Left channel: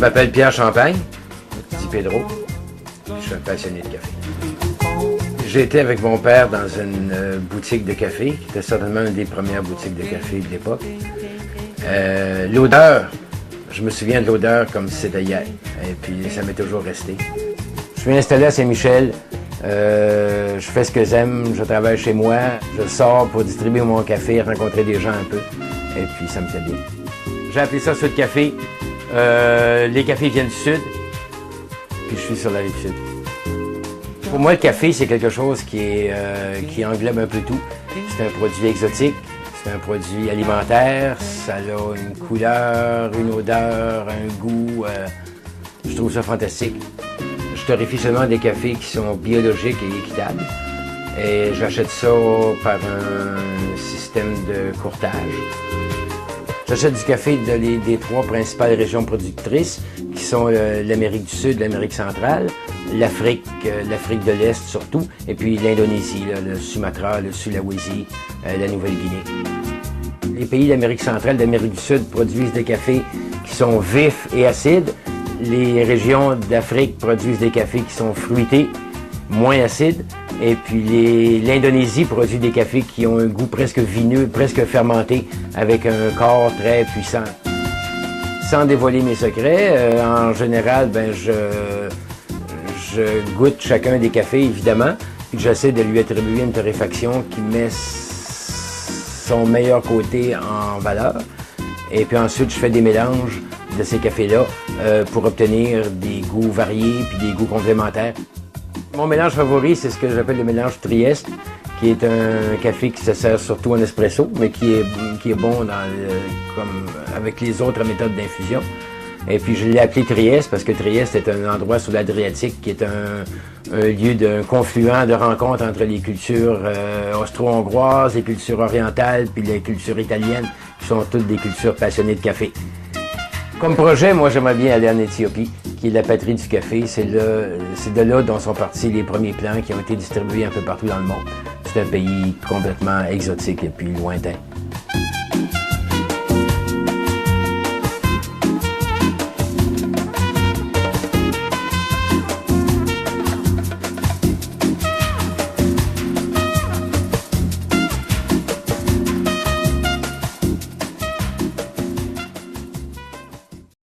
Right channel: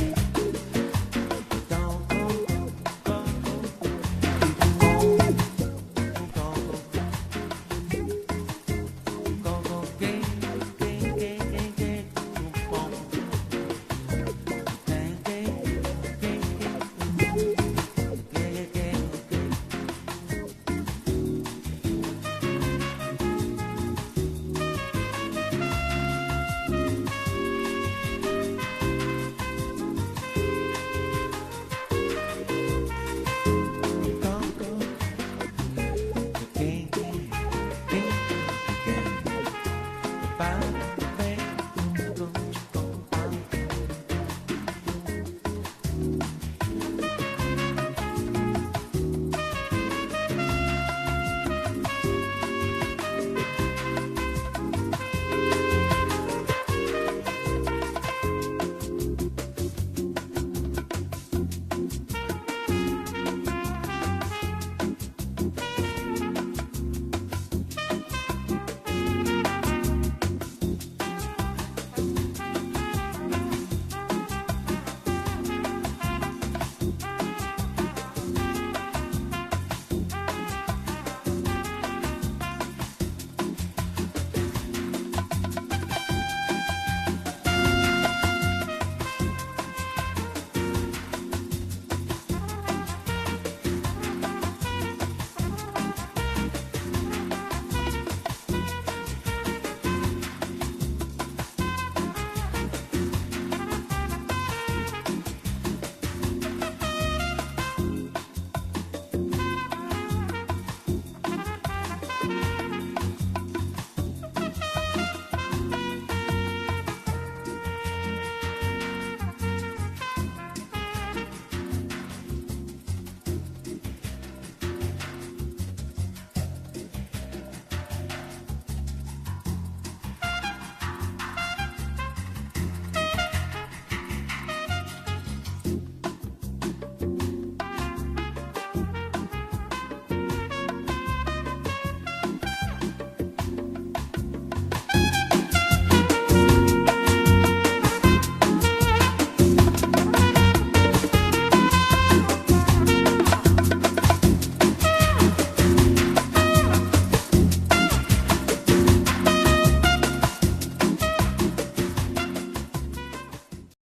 Je m'appelle Pierre Champagne, dit Pedro. Je suis un passionné de café. J'ai été avec mon père dans une boutique de café, qui était certainement une des premières boutiques de café de l'époque. L'odeur, je me souviens de l'odeur comme si c'était hier, et puis ça m'est toujours resté. Je suis installé à Saint-Michel, je fais ce que j'aime, je travaille chez moi, je sors pour distribuer mon café, rencontrer des gens un peu, et puis ça me plaît bien. J'ai appelé ça Sud Café. Les cafés viennent du Sud, puis je suis sur la rive Sud. Pour moi, le café, c'est quelque chose qui englobe un peu tout. C'est un produit exotique, c'est un produit alimentaire, ça a une couleur, une odeur, un goût. Je trouve ça fantastique. Je torréfie seulement des cafés qui sont biologiques et équitables. Et j'achète ça par un système de courtage. J'achète du café des trois principales régions productrices, qui sont l'Amérique du Sud, l'Amérique centrale, l'Afrique de l'Est surtout, et puis l'Indonésie, le Sumatra, le Sulawesi, la Nouvelle-Guinée. Les pays d'Amérique centrale, d'Amérique du Sud produisent des cafés qui sont vifs et acides. Les régions d'Afrique produisent des cafés qui sont fruités, moins acides. Et puis l'Indonésie produit des cafés qui ont un goût presque vineux, presque fermenté, avec un corps très puissant. Sans dévoiler mes secrets, en général, je goûte chacun des cafés, évidemment, puis j'essaie de lui attribuer une torréfaction qui met son meilleur côté en valeur. Et puis ensuite, je fais des mélanges de ces cafés-là pour obtenir des goûts variés puis des goûts complémentaires. Mon mélange favori, c'est ce que j'appelle le mélange Trieste, qui est un café qui se sert surtout en espresso, mais qui est bon avec les autres méthodes d'infusion. Et puis je l'ai appelé Trieste parce que Trieste est un endroit sur l'Adriatique qui est un lieu d'un confluent de rencontre entre les cultures austro-hongroises, les cultures orientales, puis les cultures italiennes, qui sont toutes des cultures passionnées de café. Comme projet, moi, j'aimerais bien aller en Éthiopie, qui est la patrie du café. C'est de là dont sont partis les premiers plants qui ont été distribués un peu partout dans le monde. C'est un pays complètement exotique et puis lointain.